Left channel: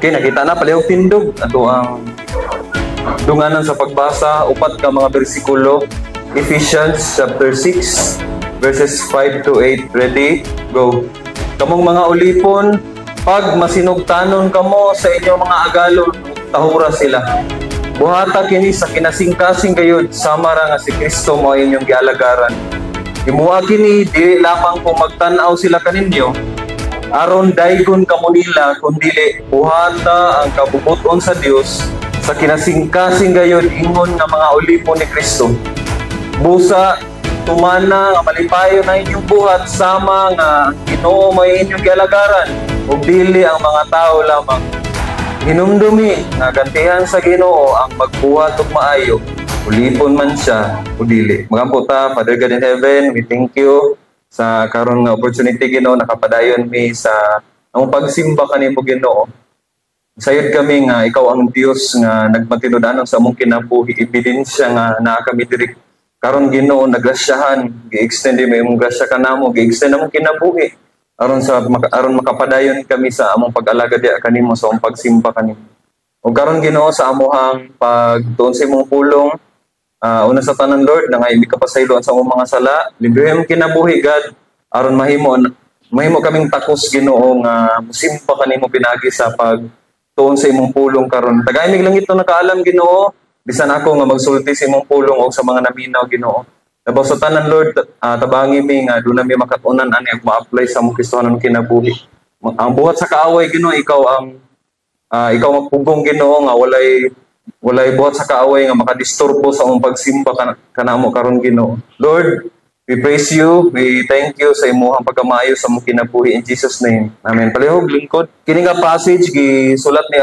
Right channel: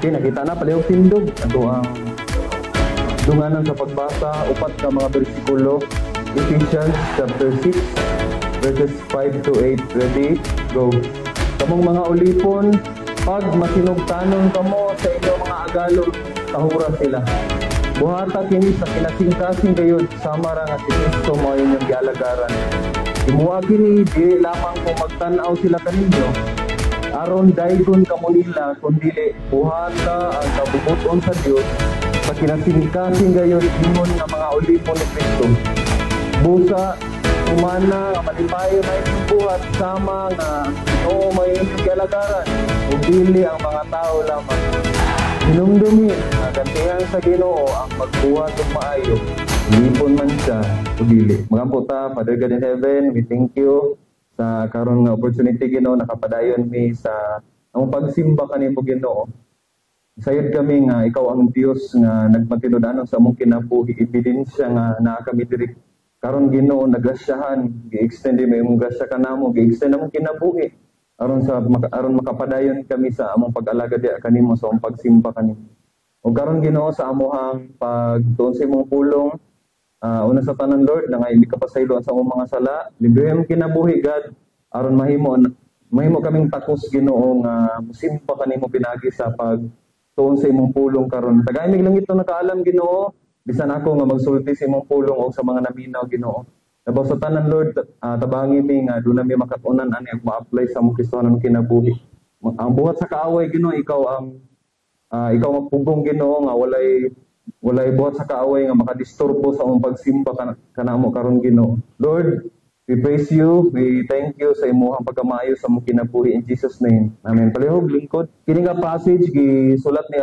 Okay, nakita na palihog tindog. Ato ang dunganan sa pagbasa, upat ka mga bersikulo. Ephesians chapter 6, verses 5 to 8. Ready? Go. Kamong mga ulipon, pag masinugtanon kamo sa inyong mga agalon, tahura sila. Buhata kini sa kinasingkasing gayud, sama ra nga si Kristo mo inyong gialagaran. Imuha kini, di lamang kung magtanaw sila kaninyo, aron daygon kamo nila, kundili buhata ang kabubuton sa Dios sa kinasingkasing gayud ingon nga mga ulipon ni Kristo. Busa tumana nga malipayon na inyong buhat, sama nga Ginoo may inyong gialagaran, ug dili ang mga tao lamang. Hinumdumi nga gantihan sa Ginoo ang magbuhat ug maayo, ulipon man siya o dili. Magampo ta, Father God in heaven, we thank you sa karon nga opportunity Ginoo, nakapadayon mi sa ang pagsimba kanimo Ginoo. Sayod kami nga ikaw ang Dios nga nagmatinud-anon sa among kinabuhi, ebidensya nga naa kami diri karon Ginoo, nagrasyahan, gi-extend mo imong grasya kanamo, gi-extend among kinabuhi aron makapadayon kami sa among pag-alagad kanimo sa among pagsimba kanimo. Ug karon Ginoo sa amuhang pagtuon sa imong pulong, una sa tanan Lord, na nga hindi ka pasayloan sa among mga sala, librehon kinabuhi God, aron mahimo kaming takos Ginoo nga musimba kanimo pinagi sa pagtuon sa imong pulong karon. Tagaymig lang ito nakaalam Ginoo, bisan ako nga magsulti sa imong pulong o sa mga naminaw Ginoo. Nabaw sa tanan Lord, tabangi mi nga doon na mi makatunan ani ag ma-apply sa among Kristohanon kinabuhi. Ang buhat sa kaaway Ginoo, ikaw magpugong Ginoo nga walay buhat sa kaaway nga makadisturbo sa among pagsimba kanamo karon Ginoo. Lord, we praise you, we thank you sa imong pagkamaayo sa among kinabuhi in Jesus name. Amen. Palihog lingkod. Kini nga passage gisulat ni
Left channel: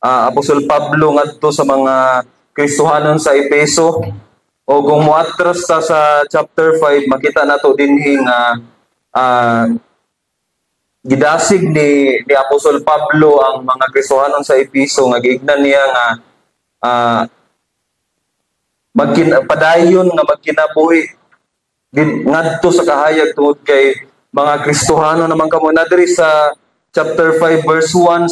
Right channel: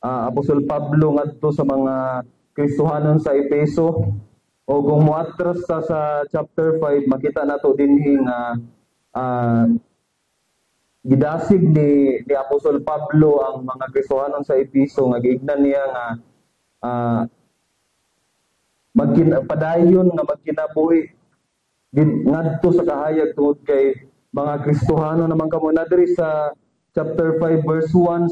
Apostol Pablo ngadto sa mga Kristohanon sa Efeso. O kung muatras ta sa chapter 5, makita nato dinhi nga gidasig ni Apostol Pablo ang mga Kristohanon sa Efeso nga giignan niya nga padayon nga magkinabuhi ngadto sa kahayag tungod kay mga Kristohano naman kamo. Na diri sa chapter 5 verse 1,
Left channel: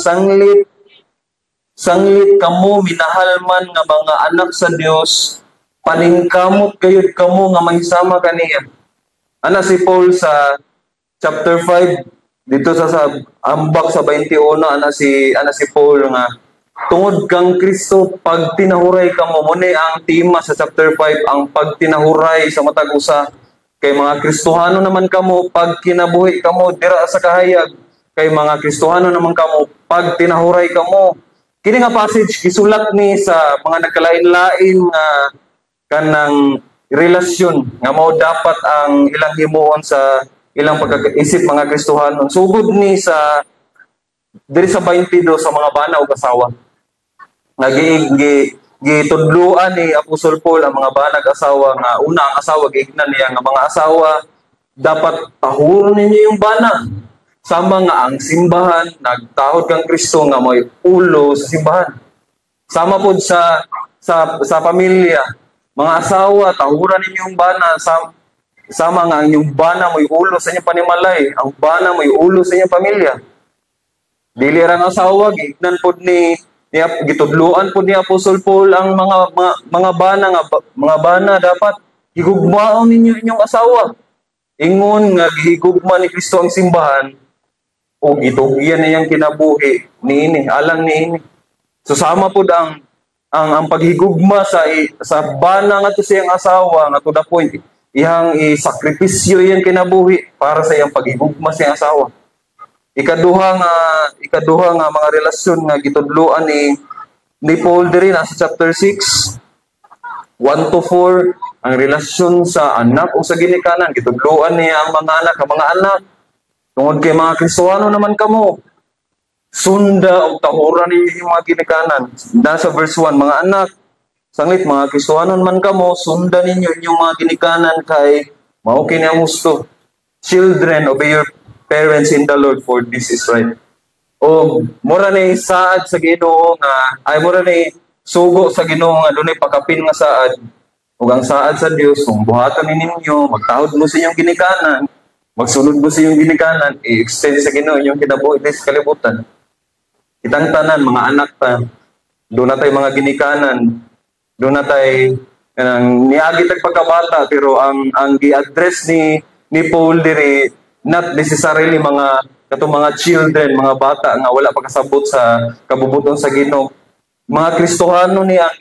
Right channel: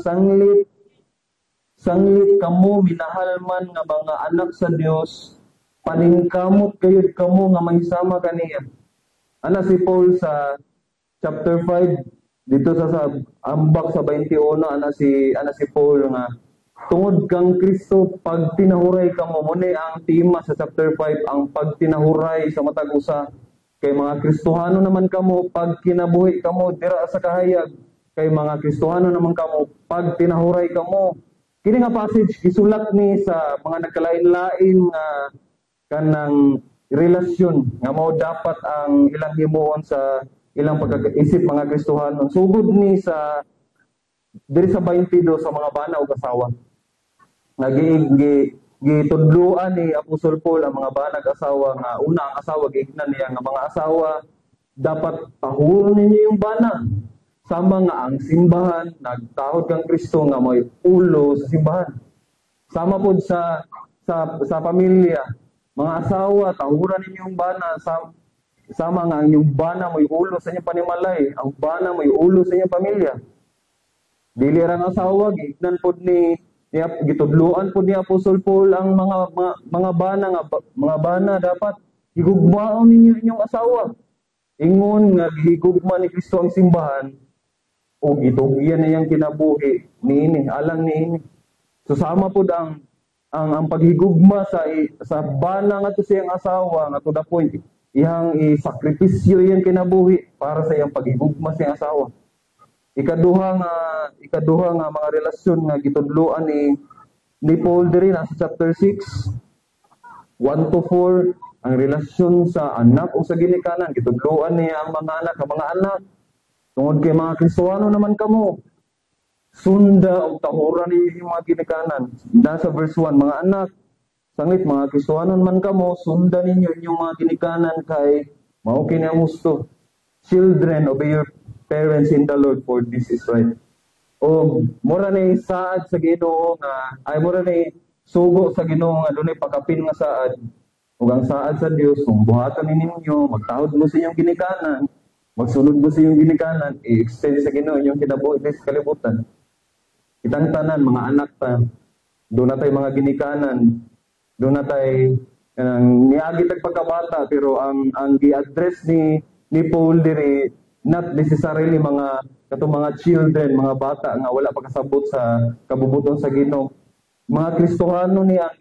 sanglit kamo minahal man nga mga anak sa Dios, paningkamot kayod kamo nga mahisama kaniya. Ana si Paul sa chapter 5 dito sa ambak sa 21, ana si Paul nga tungod kang Kristo pag tinahuray kamo. Muna ang tema sa chapter 5, ang pagtinahuray sa matag usa. Kay mga Kristohano naman kamo pag kinabuhi kamo dira sa kahayag, kay mga Kristohano naman kamo pag tinahuray kamo. Kini nga passage gisulat ni sa mga nagkalain-lain nga kanang relasyon nga mao dapat ang ilang himuon sa ilang pagkakaisip mga Kristohanon. Sugod ni sa diri sa 22 sa mga bana ug asawa. Gitudloan ni Apostol Paul ang mga banag asawa nga una ang asawa giignan niya nga mga asawa dapat tahuron ninyo yung bana. Sama nga ang simbahan nagtahod kang Kristo nga may ulo sa simbahan. Sama pod sa pamilya, mga asawa tahuran ninyo yung bana. Sama nga ang inyong bana may ulo sa inyong panimalay, ang bana may ulo sa inyong pamilya. Dili ra nga asawa giignan pod ni gitudloan po ni Apostol Paul ang mga bana dapat higugmaon ninyo inyong asawa. Ingon nga gihigugma ni Kristo ang simbahan o gitugyan niyang kinabuhi niini, alang niini. So sama po ang paghigugma sa bana nga to siyang asawa nga to the point iyang isakripisyo iyang kinabuhi para sa iyang paghigugma siyang asawa. Ikaduha nga mga relasyon nga gitudloan ni Paul diri na sa chapter 6 1 to 4, ang relasyon sa anak o sa ginikanan gitudloan niya ang mga anak tungod kay mga Kristohano naman kamo, sunda o tahuran ninyo yung mga ginikanan. Nasa verse 1, mga anak, sanglit mga Kristohano naman kamo, sunda ninyo yung mga ginikanan kay mao kini ang gusto. Children, obey your parents in the Lord, for this is right. O mura ni saad sa Ginoo nga mura ni sugo sa Ginoo nga dunay pakapin nga saad. Ug ang saad sa Dios kung buhaton ninyo, magtahod mo sa inyong ginikanan, magsunod mo sa inyong ginikanan, i-extend sa Ginoo inyong kinabuhi sa kalibutan. Kitang tanan, mga anak ta. Doon na tayo mga ginikanan. Doon na tayo niagi tag pagkabata, pero ang gi-address ni Paul diri not necessarily katong mga children, mga bata nga wala pa kasabot sa kabubuton sa Ginoo. Mga Kristohano ni ang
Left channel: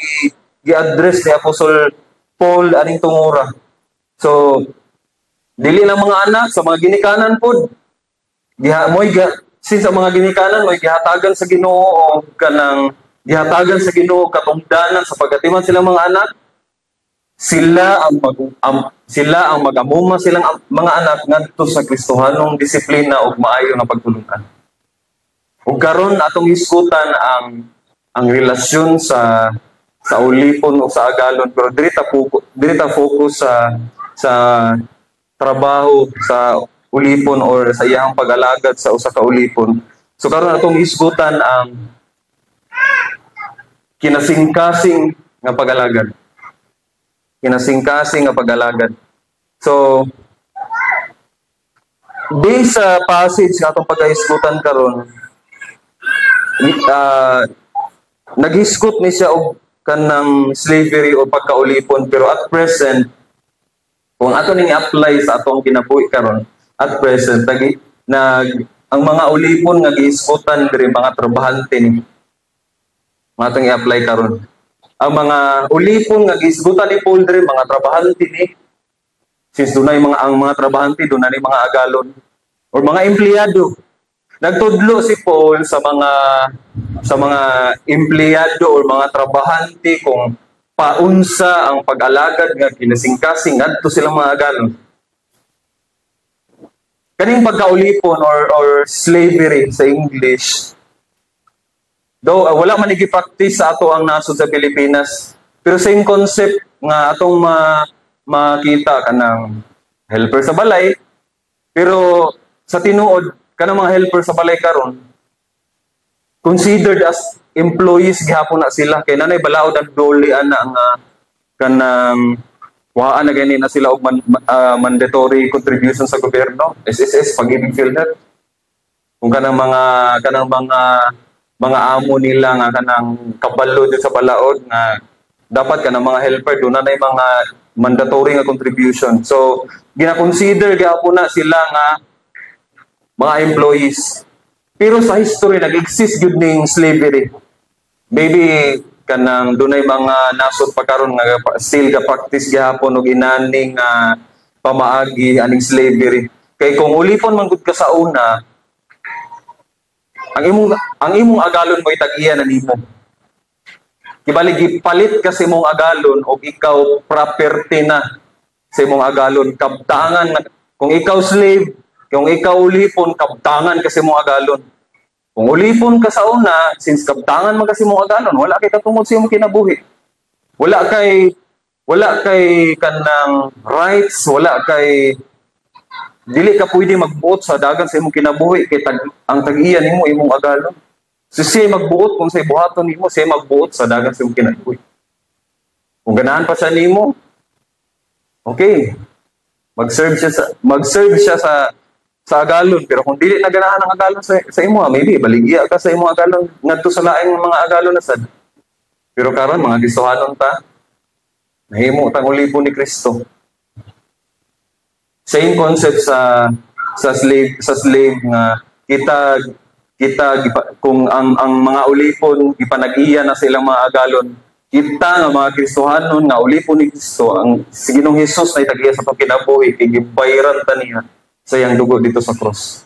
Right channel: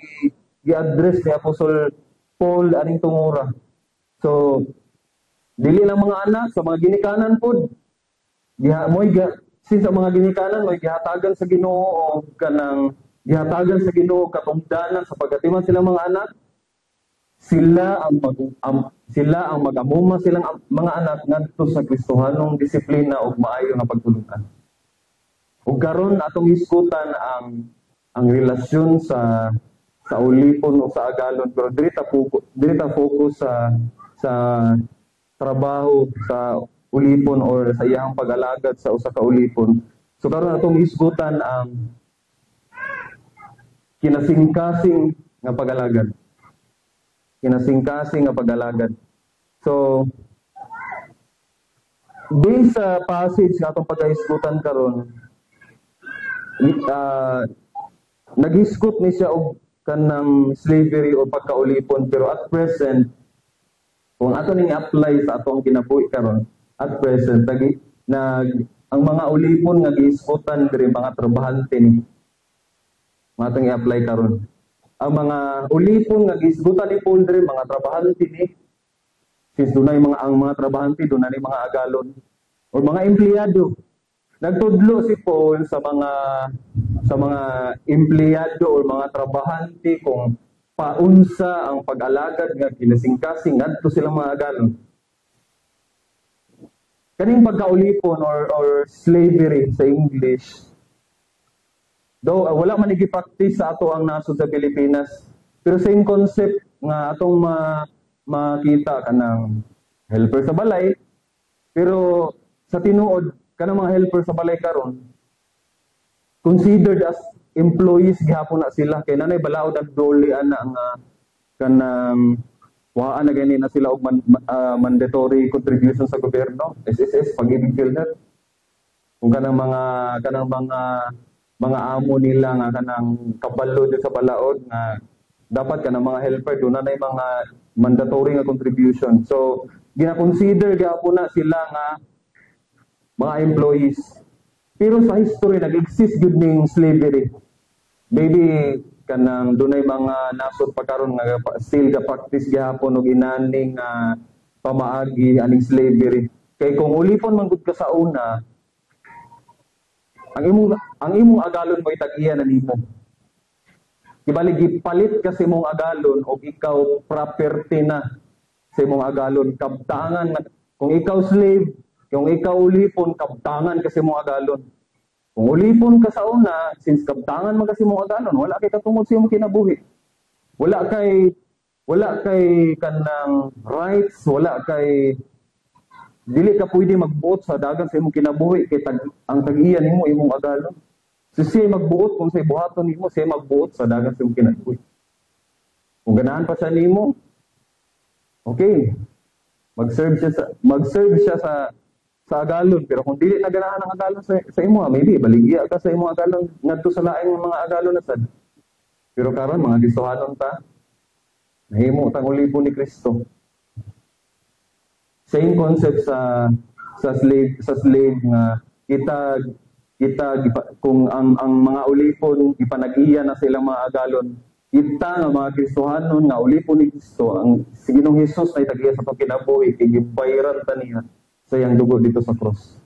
gi-address ni Apostol Paul aning tungura. So dili lang mga anak sa mga ginikanan pod. Since ang mga ginikanan mo'y gihatagan sa Ginoo o kanang gihatagan sa Ginoo katungdanan sa pagatiman silang mga anak, sila ang mag-amuma silang mga anak ngadto sa Kristohanong disiplina ug maayo nga pagtulungan. Ug karon atong iskutan ang relasyon sa ulipon o sa agalon, pero diri ta focus sa trabaho sa ulipon or sa iyang pag-alagad sa usa ka ulipon. So karon atong isgutan ang kinasingkasing nga pag-alagad. Kinasingkasing nga pag-alagad. So based sa passage nga atong pag-isgutan karon, nag-isgot ni siya og kanang slavery o pagkaulipon, pero at present kung ato ning apply sa atong kinabuhi karon, at present, ang mga ulipon nga giisgutan diri mga trabahante ni. Mga itong i-apply karon. Ang mga ulipon nga giisgutan ni Paul diri mga trabahante ni. Since ang mga trabahante doon na ni mga agalon or mga empleyado. Nagtudlo si Paul sa mga empleyado or mga trabahante kung paunsa ang pag-alagad nga kinasingkasing ngadto silang mga agalon. Kaning pagkaulipon or slavery sa English, though wala man nigi-practice sa ato ang nasod sa Pilipinas, pero same concept nga atong makita kanang helper sa balay, pero sa tinuod kanang mga helper sa balay karon considered as employees gihapon na sila, kay nanay balaod ang dole ana nga kanang waan na ganyan na sila og mandatory contribution sa gobyerno, SSS, Pag-ibig PhilHealth. Kung kanang mga amo nila nga kanang kabalo dito sa balaod nga dapat kanang mga helper doon na mga mandatory nga contribution. So gina-consider gyapon na sila nga mga employees. Pero sa history nag-exist gyud ning slavery. Maybe kanang dunay mga nasod pa karon nga still ga practice gihapon og inaning pamaagi aning slavery. Kay kung ulipon man gud ka sa una, ang imong agalon mo itag-iya na nimo. Kibali gipalit kasi imong agalon og ikaw property na sa imong agalon, kabtangan kung ikaw slave, kung ikaw ulipon kabtangan kasi imong agalon. Kung ulipon ka sa una, since kabtangan man kasi mong agalon, wala kay katungod sa imong kinabuhi. Wala kay kanang rights, dili ka pwede magbuot sa dagan sa imong kinabuhi kay ang tag-iya nimo imong agalon. So siya magbuot kung sa ibuhaton nimo, siya magbuot sa dagan sa imong kinabuhi. Kung ganahan pa siya nimo, okay. Mag-serve siya sa agalon, pero kung dili na ganahan ang agalon sa imo, maybe baligya ka sa imong agalon ngadto sa laing mga agalon na sad. Pero karon mga Kristohanon ta, nahimo tang ulipon ni Kristo. Same concept sa slave nga kita kung ang mga ulipon ipanag-iya na sa ilang mga agalon, kita nga mga Kristohanon nga ulipon ni Kristo, ang si Ginoong Hesus na itag-iya sa pagkinabuhi kay gibayaran ta niya sa iyang dugo dito sa cross.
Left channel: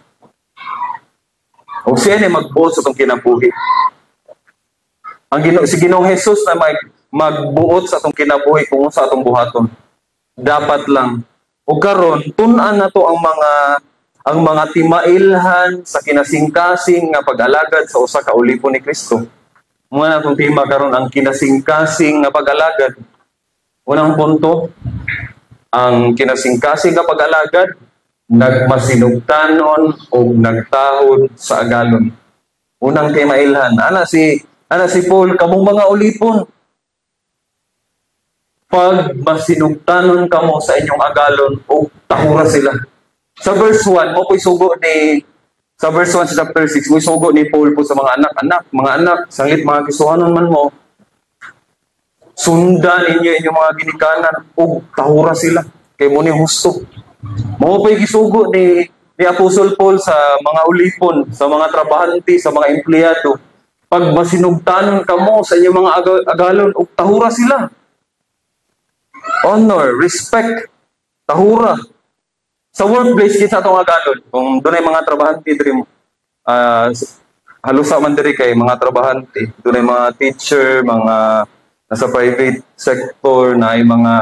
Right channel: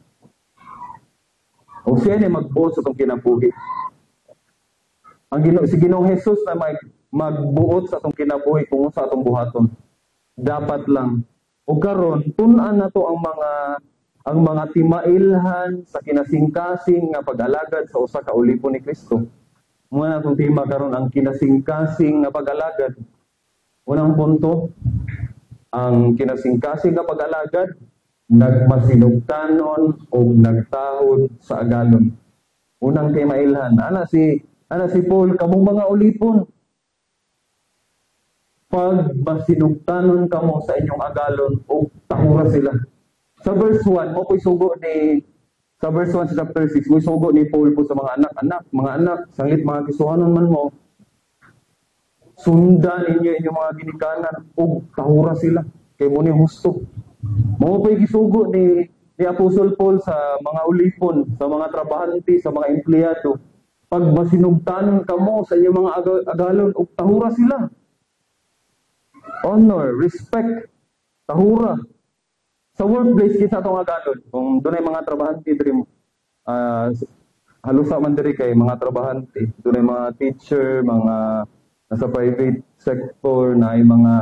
O siya na magbuot sa itong kinabuhi. Si Ginoong Hesus na magbuot sa itong kinabuhi kung sa itong buhaton. Dapat lang. O karon tun-an na to ang mga timailhan sa kinasingkasing nga pag-alagad sa usa ka ulipon ni Kristo. Mga na itong tema karon ang kinasingkasing nga pag-alagad. Unang punto, ang kinasingkasing nga pag-alagad nagmasinugtanon o nagtahod sa agalon. Unang timailhan. Ana si Paul, kamong mga ulipon. Pag masinugtanon kamo sa inyong agalon o tahura sila. Sa verse 1, mo ko'y sugo ni Sa verse 1 sa chapter 6, may sugo ni Paul po sa mga anak, sanglit mga kisuhanon man mo, sundan ninyo inyong mga ginikanan, o tahura sila, kay mo ni husto. Mao pa'y gisugo ni Apostle Paul sa mga ulipon, sa mga trabahante, sa mga empleyado. Pag masinugtanon ka mo sa inyong mga agalon, o tahura sila. Honor, respect, tahura. Sa workplace, kita itong agalon. Kung doon ay mga trabahante, halusa man diri kay mga trabahante. Doon ay mga teacher, mga nasa private sector, na ay mga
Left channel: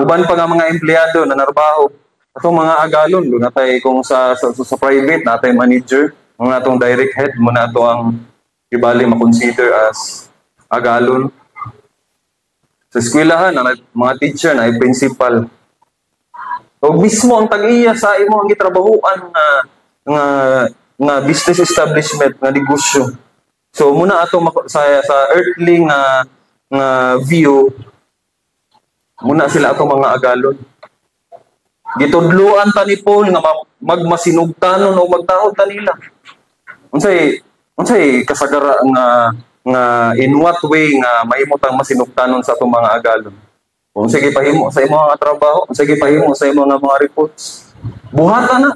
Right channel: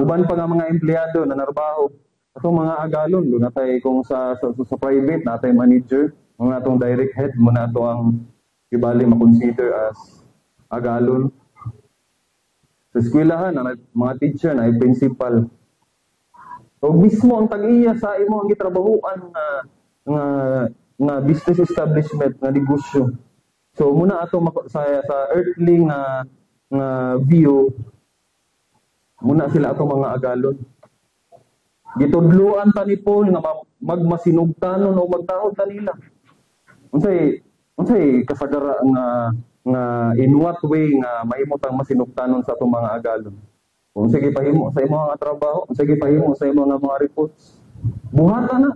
uban pa nga mga empleyado na narbaho. Atong mga agalon, doon natay kung sa private, natay manager, mga atong direct head, muna ito ang ibali makonsider as agalon. Sa eskwelahan, mga teacher na ay principal. O mismo ang tag-iya sa imo ang gitrabahuan nga business establishment, nga negosyo. So muna ato sa earthly nga view, muna sila ato mga agalon. Gitudluan ta ni Paul nga magmasinugtanon o magtahod ta nila. Unsay kasagara nga in what way nga mahimo tang masinugtanon sa atong mga agalon? Kung sige pahimo sa imong mga trabaho, kung sige pahimo sa imong mga reports, buhatan na.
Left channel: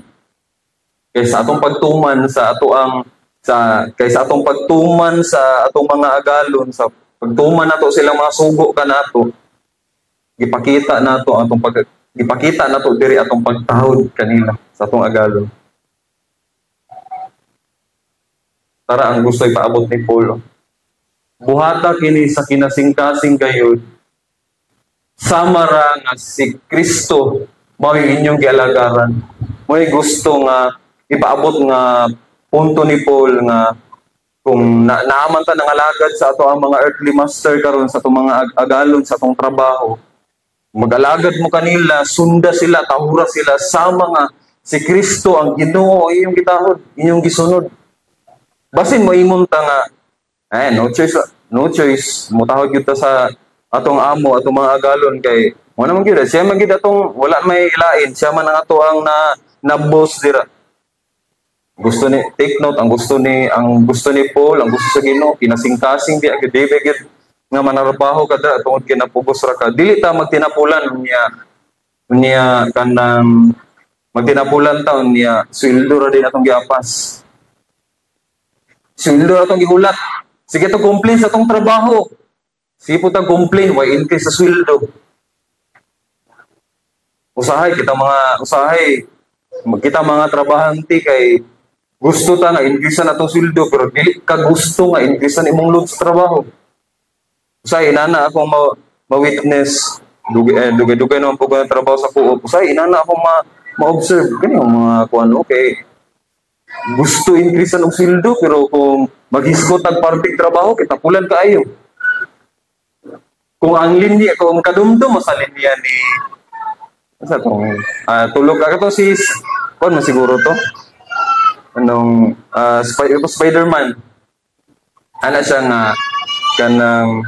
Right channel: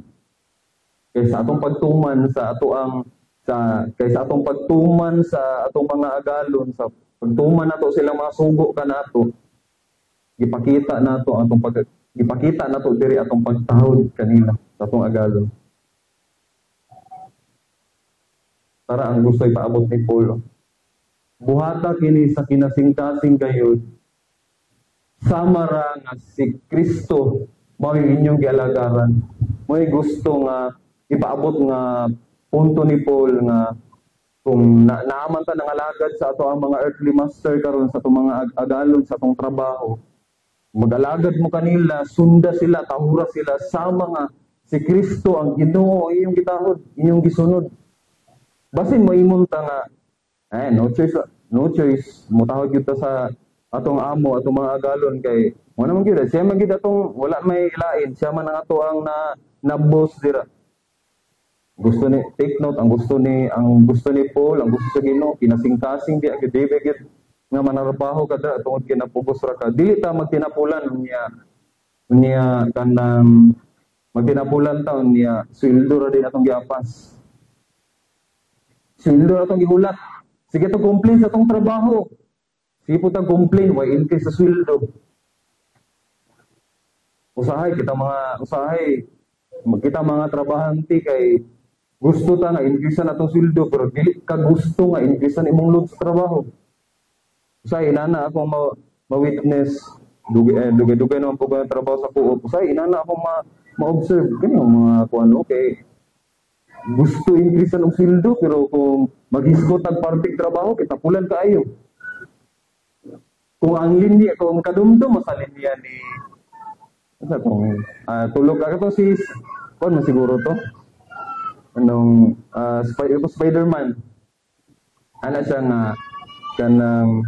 Kaysa atong pagtuman sa atong pagtuman sa atong mga agalon, sa pagtuman nato silang mga sugo kanato, ipakita nato diri atong pagtahod kanila sa atong agalon. Tara ang gusto ipaabot ni Paul. Buhata kini sa kinasingkasing gayud, sama ra nga si Kristo mao inyong gialagaran. Mo'y gusto nga ipaabot nga punto ni Paul nga kung naaman ta nangalagad sa ato ang mga earthly master karon sa atong mga agalon sa atong trabaho, mag-alagad mo kanila, sunda sila, tahura sila, sama nga si Kristo ang Ginoo inyong gitahod, inyong gisunod. Basin mo imong ta nga no choice mutahod gyud ta sa atong amo, atong mga agalon kay mo naman gyud siya man gyud atong wala may ilain, siya man ang ato ang na boss dira. Gusto ni take note, ang gusto ni Paul, ang gusto sa Ginoo kinasingkasing di agad nga manarbaho kada tungod kinapugos ra ka, dili ta magtinapulan niya kanang magtinapulan ta niya sweldo ra din atong giapas, sweldo ra atong gihulat. Sige to complain sa atong trabaho. Sige po tang complain, why increase sa sweldo? Kita mga trabahante kay gusto ta nga increase na itong sweldo, pero dili ka gusto nga increase na imong load sa trabaho. Usahay, inana akong ma-witness, dugay-dugay naman po ko ng trabaho sa co-op. Usahay, inana akong ma-observe. Ganyan mga kuwan, okay. Gusto increase na ng sweldo, pero kung maghisgot ang parting trabaho, kitapulan ka ayo. Kung ang linya, kung kadumdum sa linya ni tulog ka to si kon masiguro to anong Spider-Man, ana siya nga kanang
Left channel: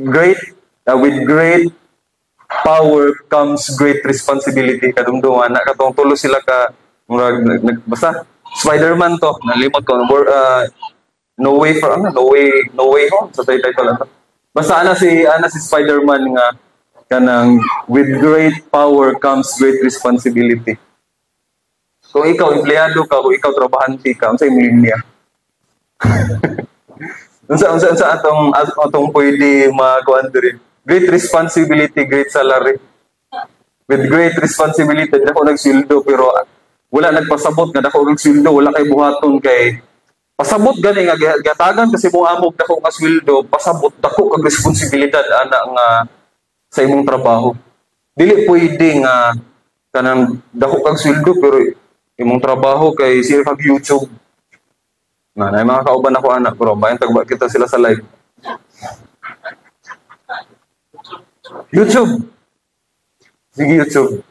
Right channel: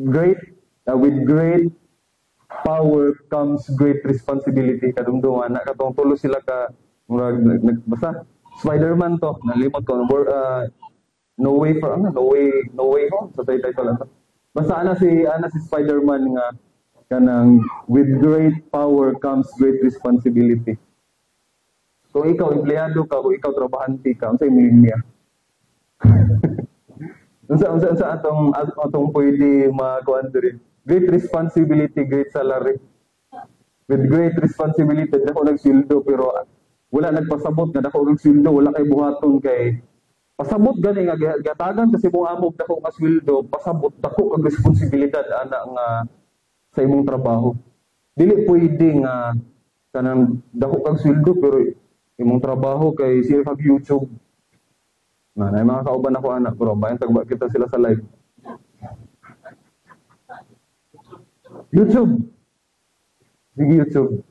with great power comes great responsibility. Kadumdum ana katong tulo sila ka murag basta Spider-Man to, nalimot ko no way home sa title lang. Basta ana si Spider-Man nga kanang with great power comes great responsibility. Kung ikaw empleyado ka, kung ikaw trabahante ka, unsay linya? unsa atong pwede makuan diri? Great responsibility, great salary. With great responsibility, dako nagsildo pero wala nagpasabot nga dako nagsildo, wala kay buhaton kay pasabot gani nga gatagan kasi mo amog dako nga sweldo, pasabot dako kag responsibilidad ana nga sa imong trabaho. Dili pwede nga kanang dako kag sweldo pero imong trabaho kay sir kag YouTube. Na mga kauban ako anak bro, bayan tagba kita sila sa live. YouTube. Sige YouTube.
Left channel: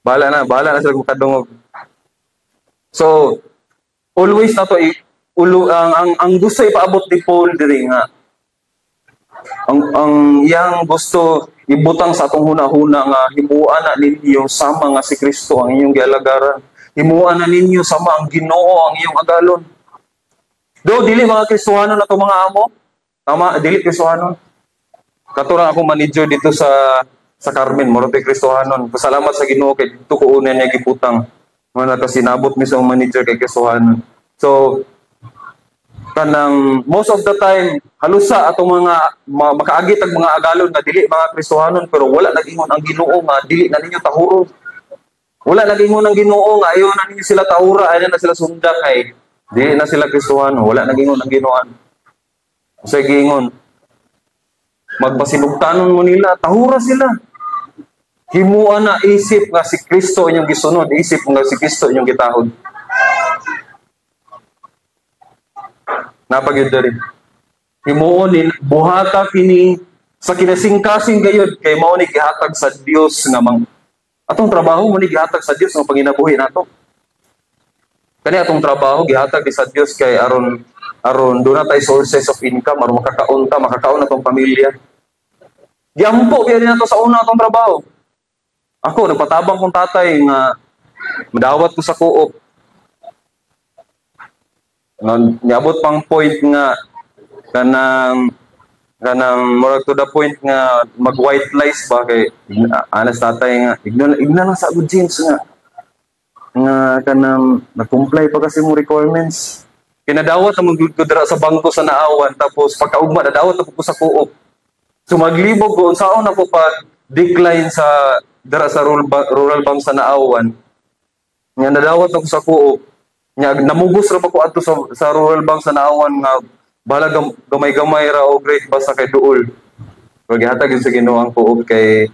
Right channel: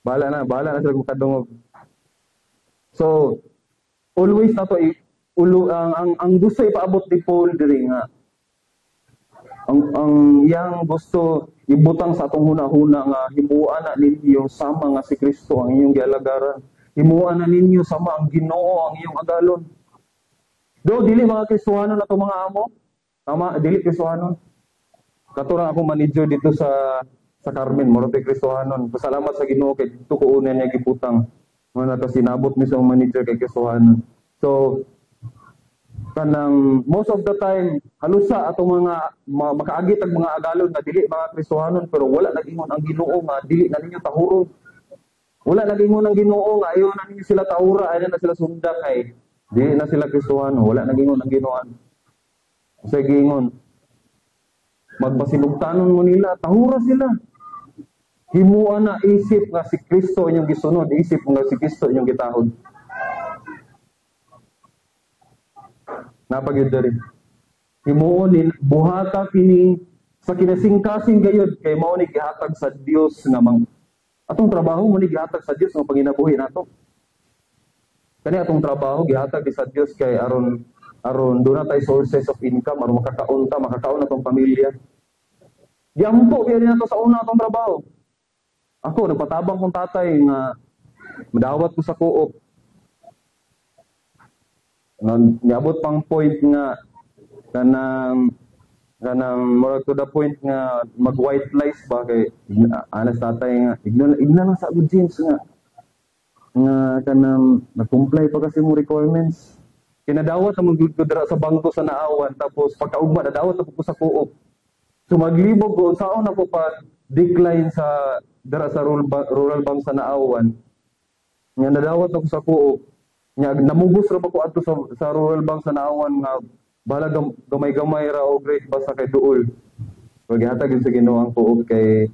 Bahala na sila kung kadungog. So always na to ang gusto ipaabot ni Paul diri nga ang yang gusto ibutang sa atong hunahuna nga himuan na ninyo sama nga si Kristo ang inyong gialagaran. himuan na ninyo sama ang Ginoo ang iyong agalon. Do dili mga Kristohanon ato mga amo. Tama, dili Kristohanon. Katurang ako manager dito sa Carmen, Morote Kristohanon. Pasalamat sa Ginoo kay dito ko una niya giputang. Mga nakasinabot mi sa manager kay Kristohanon. So kanang most of the time halusa atong mga makaagit ang mga agalon nga dili mga Kristohanon pero wala nagingon ang Ginoo nga dili na ninyo tahuro. Wala nagingon ang Ginoo nga ayo na ninyo sila tahura, ayo na sila sundan kay dili na sila Kristohanon, wala nagingon ang Ginoo. Sa gingon magpasinugtanon mo nila, tahura sila. Himuan na isip nga si Kristo inyong gisunod, isip nga si Kristo inyong gitahod. Napagyud diri. Himuon buhata kini sa kinasingkasing gayud kay mao ni gihatag sa Dios nga atong trabaho mo ni gihatag sa Dios nga panginabuhi nato. Kani atong trabaho gihatag sa Dios kay aron do na tay sources of income aron makakaon atong pamilya. Giampo gyud nato sa una atong trabaho. Ako nagpatabang kong tatay nga madawat ko sa co-op. Niabot pang point nga kanang more to the point nga mag white lies ba kay anas tatay nga igna lang sa good James nga kanang nag-comply pa kasi mo requirements. Kinadawat ang magud ko dira sa bangko sa Naawan tapos pagkaugma nadawat ako sa co-op. So maglibog ko unsaon ako pa decline sa dira sa rural bank sa Naawan. Nga nadawat ako sa co-op. Nya namugos ra pa ko adto sa rural bank sa Naawan nga bahala gamay-gamay ra o great basta kay duol. Pero gihatag sa Ginoo ang co-op kay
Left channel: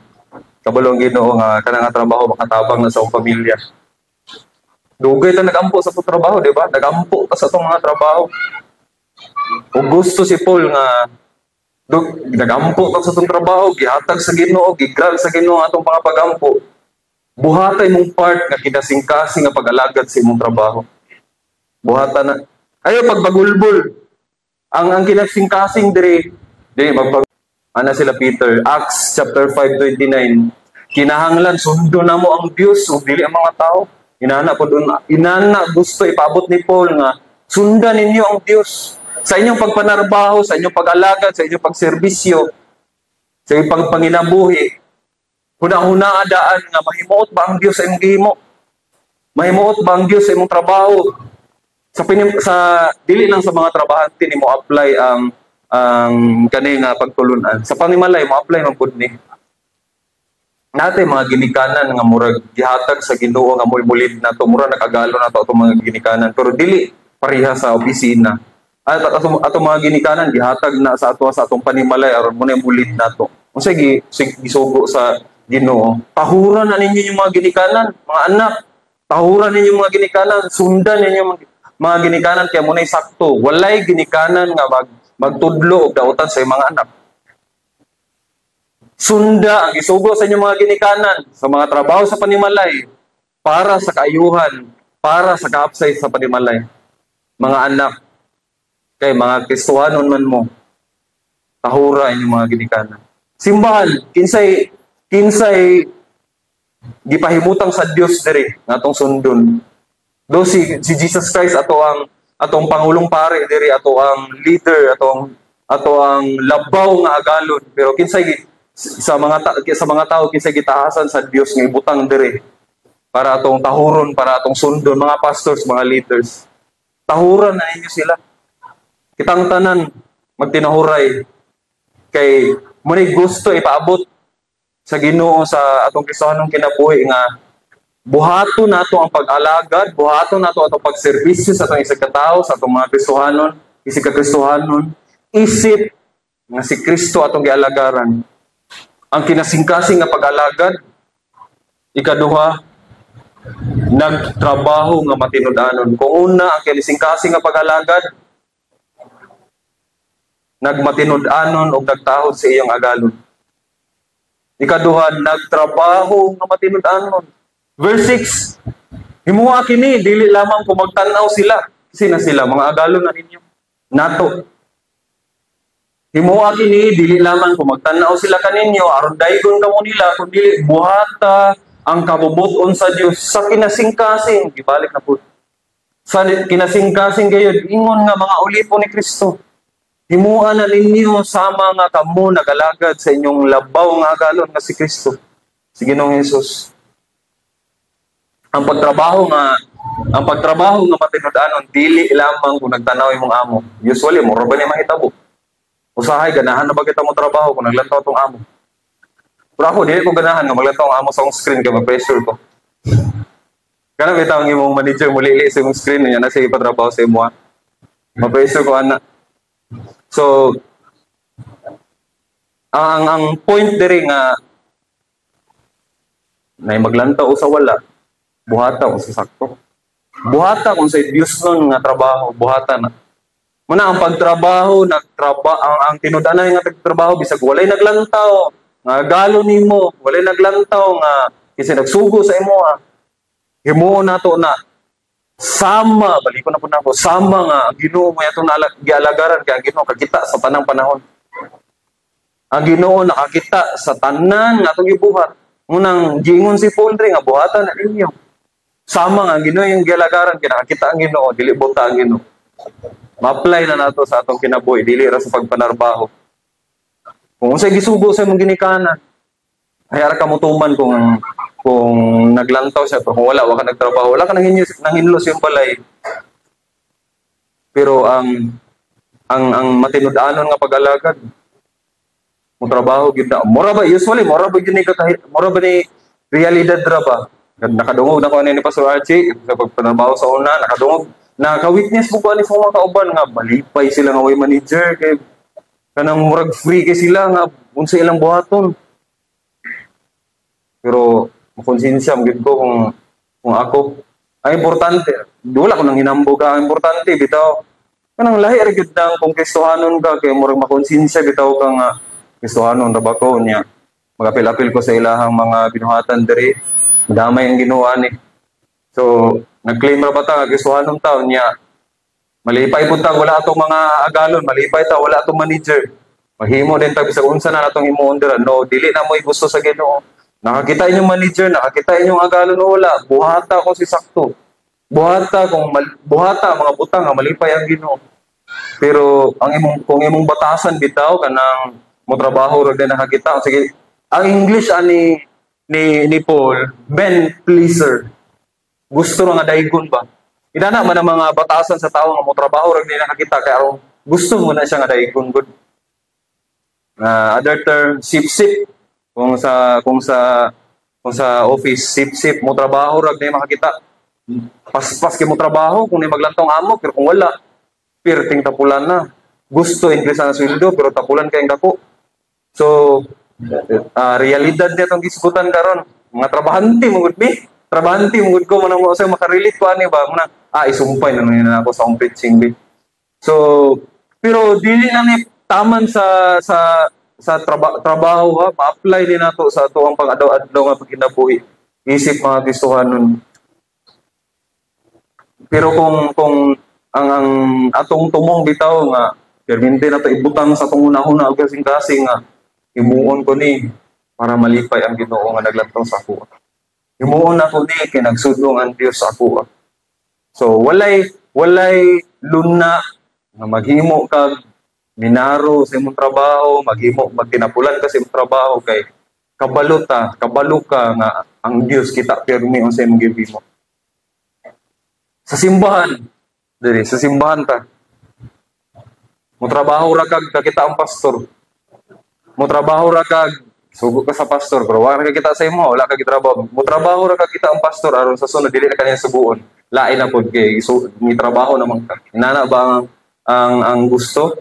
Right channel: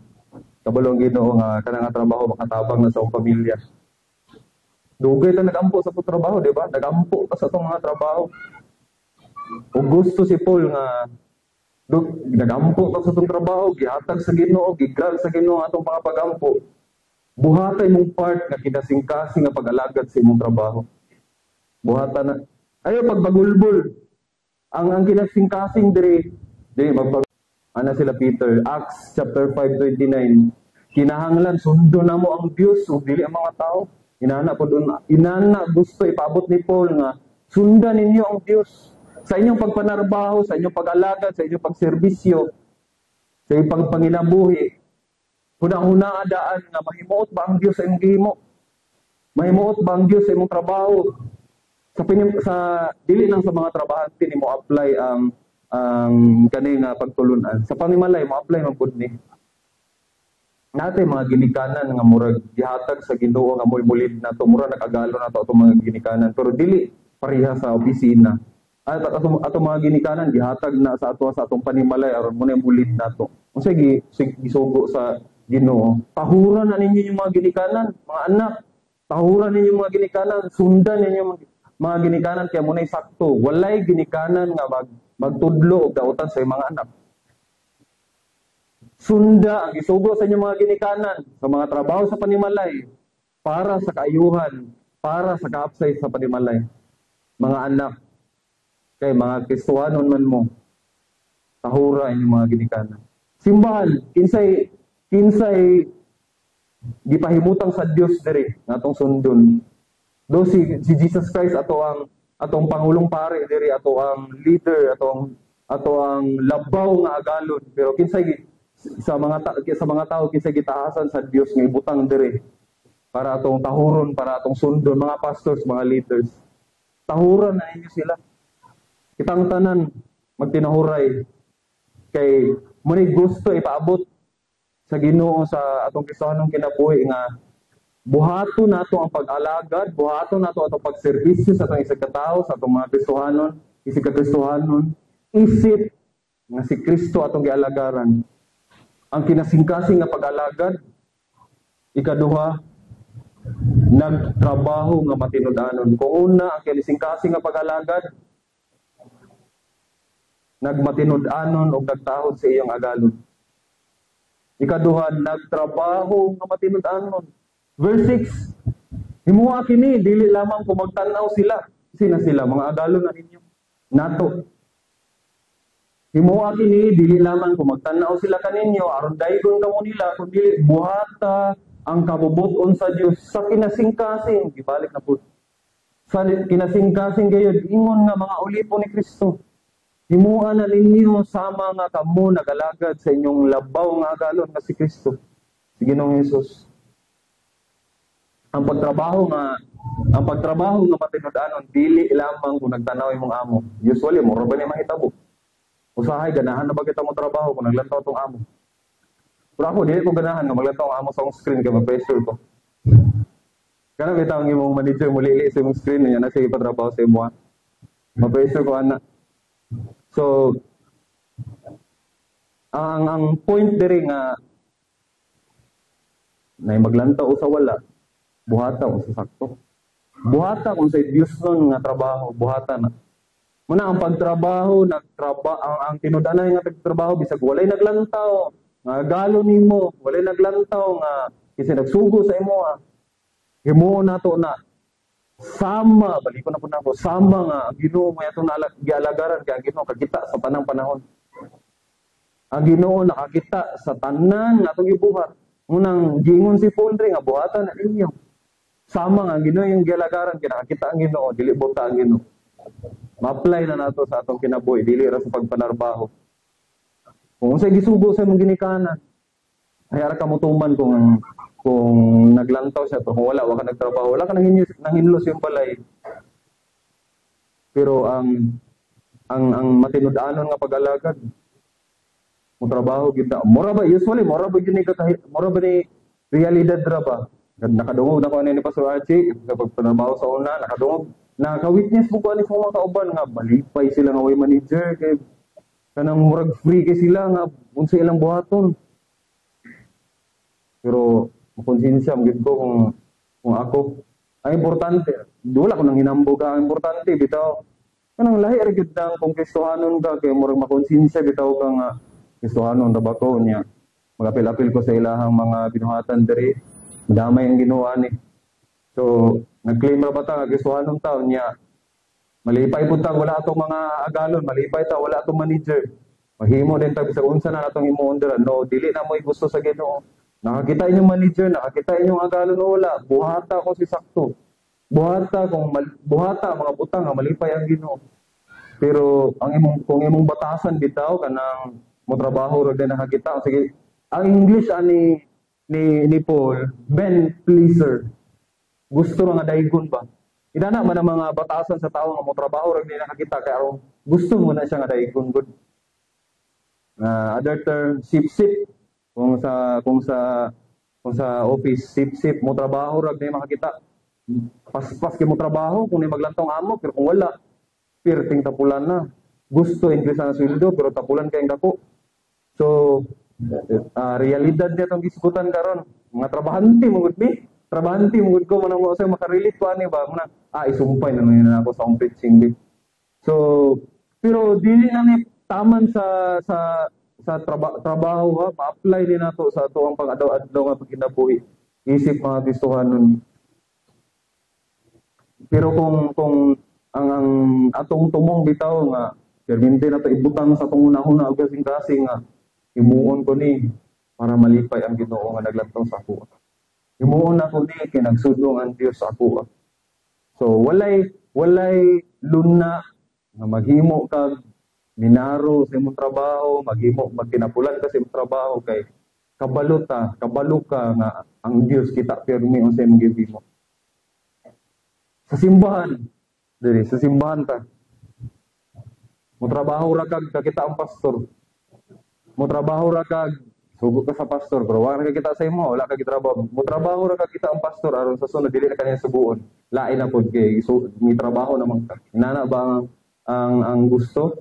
kabalo ang Ginoo nga kanang trabaho makatabang na sa akong pamilya. Dugay ta nagampo sa trabaho, di ba? Nagampo ta sa itong mga trabaho. Kung gusto si Paul nga nagampo ta sa itong trabaho, gihatag sa Ginoo, gigrab sa Ginoo atong mga pagampo. Buhatay mong part nga kinasingkasing nga pag-alagad sa imong trabaho. Buhatan na. Ayo pagbagulbol. Ang kinasingkasing diri ana sila Peter, Acts chapter 5:29. Kinahanglan sundo na mo ang Dios ug dili ang mga tao. Inana gusto ipaabot ni Paul nga sundan ninyo ang Dios sa inyong pagpanarbaho, sa inyong pag-alagad, sa inyong pagserbisyo, sa inyong pagpanginabuhi. Huna-huna adaan nga mahimuot ba ang Dios sa imong gihimo? Mahimuot ba ang Dios sa imong trabaho? Sa dili lang sa mga trabahante ni mo apply ang kani nga pagtulunan. Sa panimalay mo apply man pud ni. Natay mga ginikanan nga murag gihatag sa Ginoo nga mulid nato mura nakagalo nato atong mga ginikanan pero dili pareha sa opisina. Atong mga ginikanan gihatag na sa atong panimalay aron mo na mulid nato. Unsa gisugo sa Ginoo? Tahuran na ninyo yung mga ginikanan, mga anak. Tahuran ninyo yung mga ginikanan, sundan ninyo mga ginikanan kaya mo na sakto. Walay ginikanan nga magtudlo og dautan sa mga anak. Sunda ang isugo sa inyong mga ginikanan sa mga trabaho sa panimalay para sa kaayuhan, para sa kaapsay sa panimalay. Mga anak, kay mga Kristohanon man mo, tahura inyong mga ginikanan. Simbahan, kinsay gipahimutang sa Dios diri natong sundon. Do si Jesus Christ atong pangulong pare diri ato ang leader ato ang labaw nga agalon pero kinsay sa mga tao kinsa gitahasan sa Dios nga ibutang diri para atong tahuron, para atong sundon mga pastors, mga leaders. Tahuran na ninyo sila. Kitang tanan magtinahuray kay muni gusto ipaabot sa Ginoo sa atong Kristohanong kinabuhi nga buhaton nato ang pag-alagad, buhaton nato atong pagserbisyo sa atong isig ka tawo, sa atong mga Kristohanon, isig ka Kristohanon, isip nga si Kristo atong gialagaran. Ang kinasingkasing nga pag-alagad, ikaduha, nagtrabaho nga matinud-anon. Kung una, ang kinasingkasing nga pag-alagad, nagmatinud-anon o nagtahod sa iyong agalon. Ikaduha, nagtrabaho nga matinud-anon. Verse 6, himuha kini, dili lamang kung magtanaw sila. Sina sila, mga agalon na ninyo. Nato. Himuha kini dili lamang kung magtanaw sila kaninyo aron daygon kamo nila kundi buhata ang kabubuton sa Dios sa kinasingkasing gibalik na po sa kinasingkasing gayud ingon nga mga ulipo ni Kristo. Himuan na ninyo sama nga kamo nagalagad sa inyong labaw nga agalon nga si Kristo, si Ginoong Hesus. Ang pagtrabaho nga matinud-anon dili lamang kung nagtanaw imong amo. Usually mo ra ba ni mahitabo? Usahay ganahan na ba kita mo trabaho kung naglantaw tong amo? Pero ako, dili ko ganahan nga maglantaw ang amo sa akong screen kaya mag-pressure ko. Kana bitaw ang imong manager mo lili sa imong screen niya na siya ipatrabaho sa imo. Ma-pressure ko ana. So ang point diri nga na maglantaw sa wala, buhata o sa sakto. Buhata kung sa Dios nun nga trabaho, buhata na. Muna ang pagtrabaho, ang tinudanay nga pagtrabaho bisag walay naglantaw. Nga galo nimo, walay naglantaw nga kasi nagsugo sa imo. Himuon nato na sama, baliko na po na ako, sama nga ang Ginoo mo yato gialagaran kay ang Ginoo kakita sa tanang panahon. Ang Ginoo nakakita sa tanan nga atong gibuhat. Munang giingon si Paul rin nga buhatan na ninyo. Sama nga ang Ginoo yung gialagaran kay nakakita ang Ginoo, dili buta ang Ginoo. Ma-apply na nato sa atong kinabuhi, dili ra sa pagpanarbaho. Kung unsay gisugo sa imong ginikanan, ay ara ka mutuman kung naglantaw siya, kung wala ka nagtrabaho, wala ka nanghinlos yung balay. Pero ang matinud-anon nga pag-alagad, mo trabaho gid na. Mura ba usually mura ba ni realidad ra ba? Nakadungog na ko ni Pastor Archie sa pagpanarbaho sa una, nakadungog. Naka-witness mo ko ani sa mga kauban nga malipay sila nga way manager kay kanang murag free kay sila nga unsa ilang buhaton. Pero makonsensya gyud ko kung ako ang importante, wala ko nang hinambog ang importante bitaw kanang lahi ra gyud nang kung Kristohanon ka kay murag makonsensya bitaw ka nga Kristohanon ra ba ko niya. Magapil-apil ko sa ilahang mga binuhatan diri. Damay ang ginawa ni. So, nag-claim ra ba ta nga Kristohanon taon niya. Malipay pud ta wala atong mga agalon, malipay ta wala atong manager. Mahimo din ta bisag unsa na natong himuon dira. No, dili na mo gusto sa Ginoo. Nakakita inyong manager, nakakita inyong agalon o wala. Buhata ko si sakto. Buhata mga butang nga malipay ang Ginoo. Pero kung imong batasan bitaw kanang mo trabaho ra din nakakita. Sige, ang English ani ni Paul, men pleaser. Gusto nga daigon ba? Inana man ang mga batasan sa tao nga mo trabaho ra din nakakita kay aron gusto mo na siya nga daigon gud. Other term, sip-sip. Kung sa office, sip-sip mo trabaho ra din makakita. Pas-pas kay mo trabaho kung ni maglantong amo pero kung wala, pirting tapulan na. Gusto increase na sweldo pero tapulan kay dako. So, realidad niya itong gisgutan karon. Mga trabahante mo gud mi. Trabahante mo gud ko manang mo sa makarelate ko ani ba muna isumpay na nun ako sa akong preaching bi. So, pero dili na ni taman sa trabaho ha, ma-apply din nato sa ato ang pag-adlaw nga pagkinabuhi. Isip mga Kristohanon. Pero kung ang atong tumong bitaw nga permente na to ibutang sa atong una-una og kasing-kasing nga himuon ko ni para malipay ang Ginoo nga naglantaw sa ako. Himuon ako ni kay nagsudlong ang Dios sa ako. So walay luna nga maghimo kag minaro sa imong trabaho, magtinapulan ka sa imong trabaho kay kabalo ka nga ang Dios kita pirmi unsa imong gihimo. Sa simbahan ta. Mo trabaho ra kag kakita ang pastor. Mo trabaho ra kag sugo ka sa pastor pero wala ka kita sa imo, wala ka gitrabaho. Mo trabaho ra kag kita ang pastor aron sa sunod dili na kanya suguon. Lain na pud kay ni trabaho naman ka. Inana ba ang gusto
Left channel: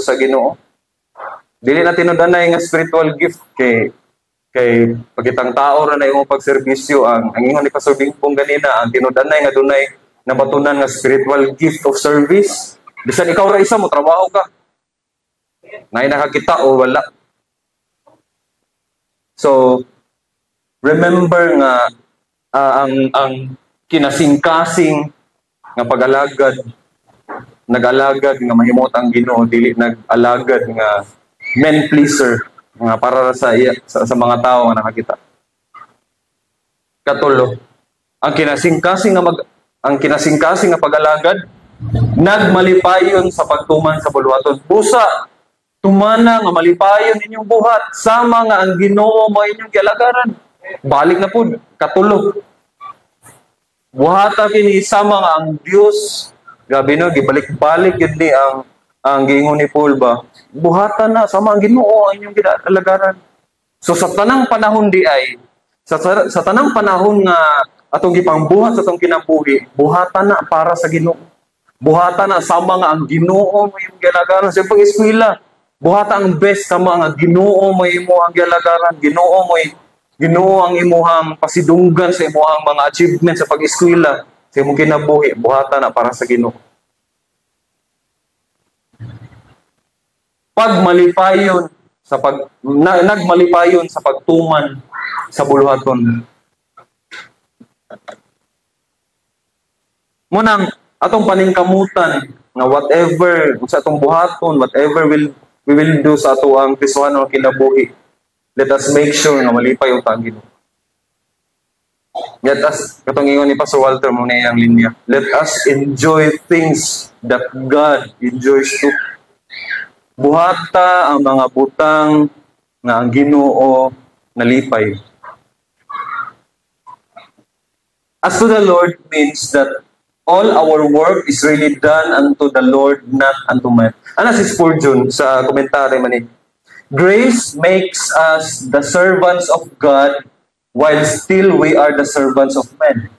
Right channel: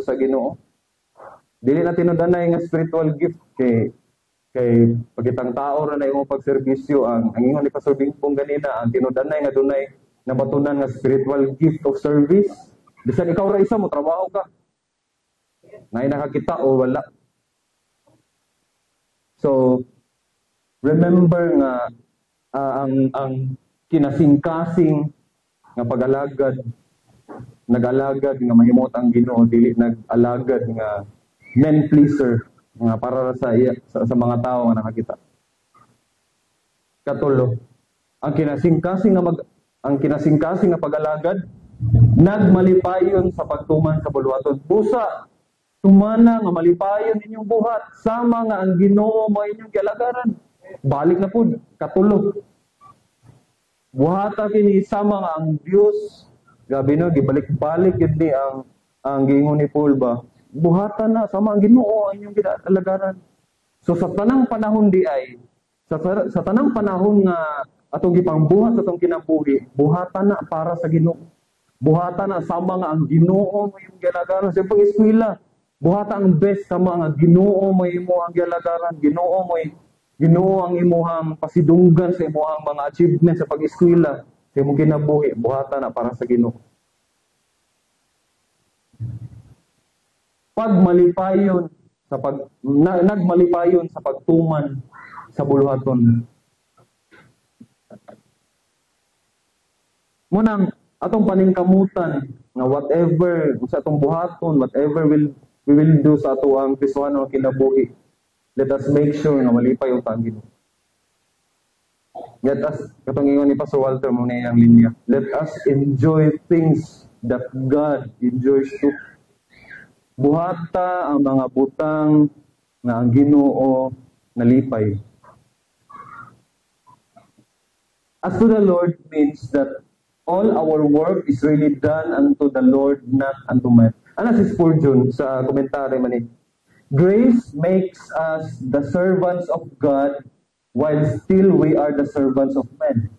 sa Ginoo? Dili na tinudanay nga spiritual gift kay pagitang tao ra na imong pagserbisyo ang ingon ni Pastor Bingpong ganina ang tinudanay nga dunay nabatunan nga spiritual gift of service. Bisan ikaw ra isa mo trabaho ka. Ngay nakakita o wala. So remember nga ang kinasingkasing nga pag-alagad nag-alagad nga mahimot ang Ginoo dili nag-alagad nga men pleaser nga para sa mga tao nga nakakita. Katulo. Ang kinasingkasing nga pag-alagad nagmalipayon sa pagtuman sa buluhaton. Busa tumana nga malipayon inyong buhat sama nga ang Ginoo mo inyong gialagaran. Balik na pud katulo. Buhata kini sama nga ang Dios. Grabe no, gibalik-balik yun ni ang giingon ni Paul ba. Buhata na sama ang Ginoo ang inyong gialagaran. So sa tanang panahon di ay sa tanang panahon nga atong gipangbuhat sa atong kinabuhi, buhata na para sa Ginoo. Buhata na sama nga ang Ginoo mo yung gialagaran sa pag-eskwela. Buhata ang best sama nga Ginoo mo imo ang gialagaran. Ginoo ang imuhang pasidunggan sa imuhang mga achievements sa pag-eskwela, sa imong kinabuhi, buhata na para sa Ginoo. Nagmalipayon sa pagtuman sa buluhaton. Munang atong paningkamutan nga whatever sa atong buhaton, whatever we will do sa ato ang Kristohano kinabuhi, let us make sure nga malipay ang Ginoo. Let us, katong ingon ni Pastor Walter mo na iyang linya, let us enjoy things that God enjoys too. Buhata ang mga butang nga ang Ginoo nalipay. As to the Lord means that all our work is really done unto the Lord, not unto man. Ano si Spurgeon sa komentary man ni? Grace makes us the servants of God while still we are the servants of men.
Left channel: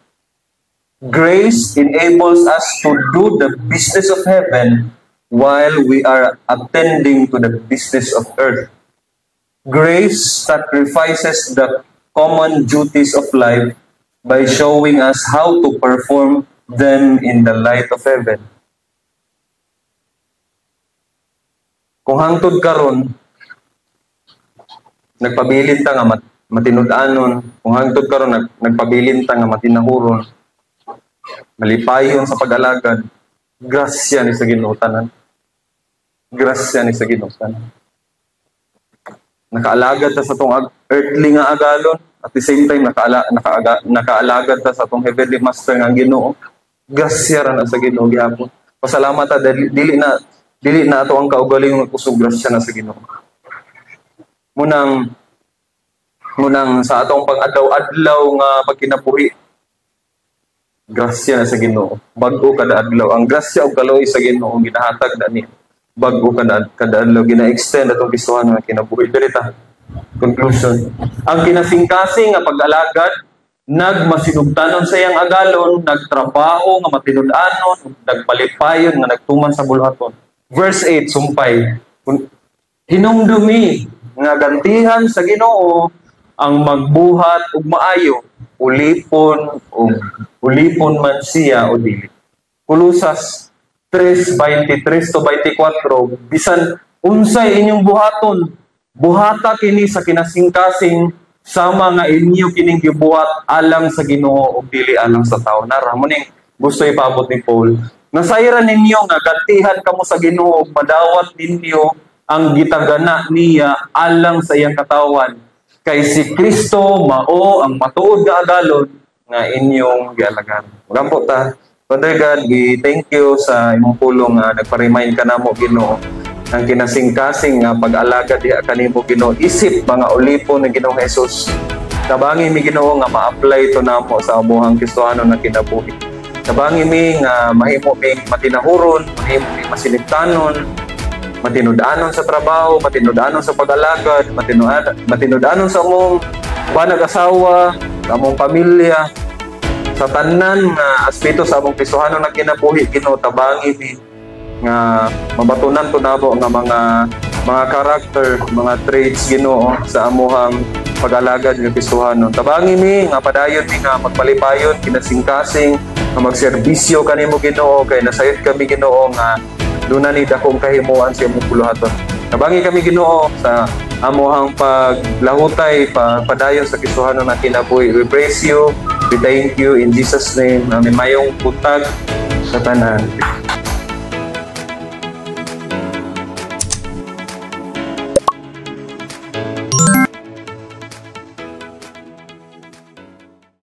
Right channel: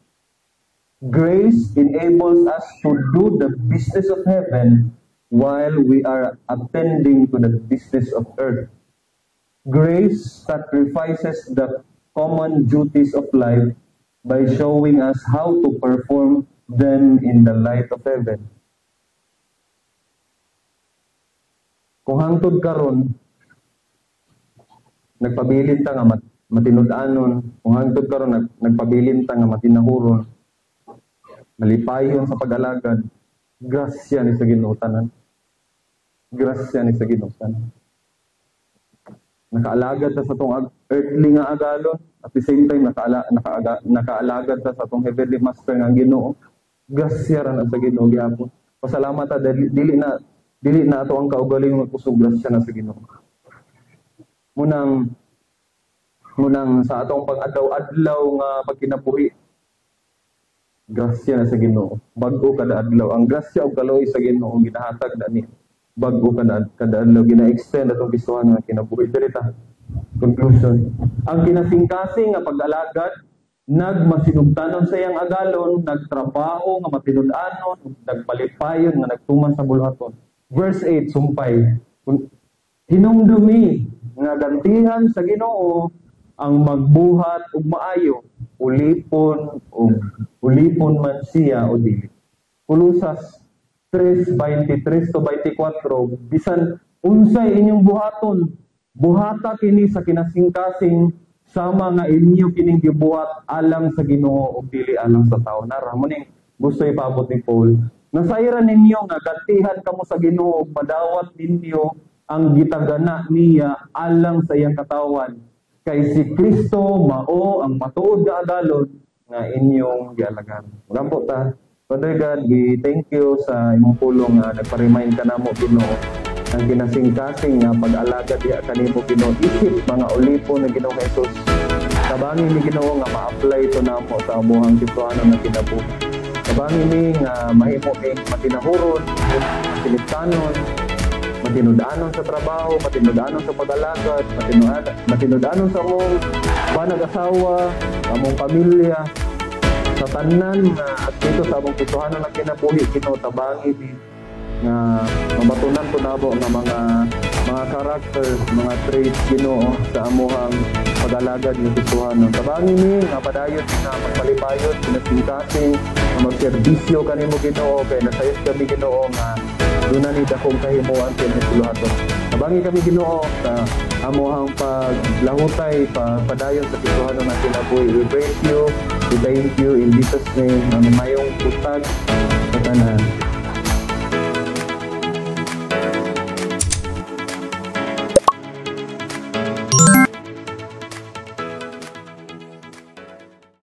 Grace enables us to do the business of heaven while we are attending to the business of earth. Grace sacrifices the common duties of life by showing us how to perform them in the light of heaven. Kung hangtod karon, nagpabilin ta nga matinud-anon, kung hangtod karon nagpabilin ta nga matinahuron, malipayon sa pag-alagad, grasya ni sa Ginoo tanan. Grasya ni sa Ginoo tanan. Nakaalagad ta sa tong earthly nga agalon, at the same time nakaalagad ta sa tong heavenly master nga Ginoo. Grasya ra na sa Ginoo gihapon. Pasalamat ta dili na ato ang kaugaling kusog grasya na sa Ginoo. Munang sa atong pag-adlaw-adlaw nga pagkinabuhi, grasya na sa Ginoo. Bag-o kada adlaw. Ang grasya ug kaloy sa Ginoo ginahatag na ni. Bag-o kada adlaw gina-extend atong Kristohano nga kinabuhi. Dirita. Conclusion. Ang kinasingkasing nga pag-alagad nagmasinugtanon sa iyang agalon, nagtrabaho nga matinud-anon, nagpalipayon nga nagtuman sa buluhaton. Verse 8 sumpay. Hinumdumi nga gantihan sa Ginoo ang magbuhat ug maayo, ulipon man siya o dili. Kulusas 3:23-24, bisan unsay inyong buhaton, buhata kini sa kinasingkasing sama nga inyo kining gibuhat alang sa Ginoo ug dili alang sa tawo. Nara mo ning gusto ipaabot ni Paul. Nasayran ninyo nga gantihan kamo sa Ginoo ug madawat ninyo ang gitagana niya alang sa iyang katawan. Kay si Kristo mao ang matuod nga agalon nga inyong gialagan. Magampo ta. Father God, thank you sa imong pulong nga nagpa-remind ka namo Ginoo ang kinasingkasing nga pag-alagad diha kanimo Ginoo, isip mga ulipon ng Ginoong Hesus. Tabangi mi Ginoo nga ma-apply ito namo sa amuhang Kristohano na kinabuhi. Tabangi mi nga mahimo mi matinahuron, mahimo mi masinibtanon, matinud-anon sa trabaho, matinud-anon sa pag-alagad, matinud-anon sa among banag asawa, sa among pamilya, sa tanan nga aspeto sa among Kristohano na kinabuhi Ginoo, tabangi mi nga mabatunan to nabo nga mga karakter, mga traits Ginoo sa amuhang pag-alagad ng Kristohano. Tabangi mi nga padayon mi nga magpalipayon kinasingkasing nga magserbisyo kanimo Ginoo, kay nasayod kami Ginoo nga duna ni dakong kahimuan sa imong buluhaton. Tabangi kami Ginoo sa amuhang paglahutay padayon sa Kristohano na kinabuhi. We praise you, we thank you in Jesus name. Mayong butag sa tanan.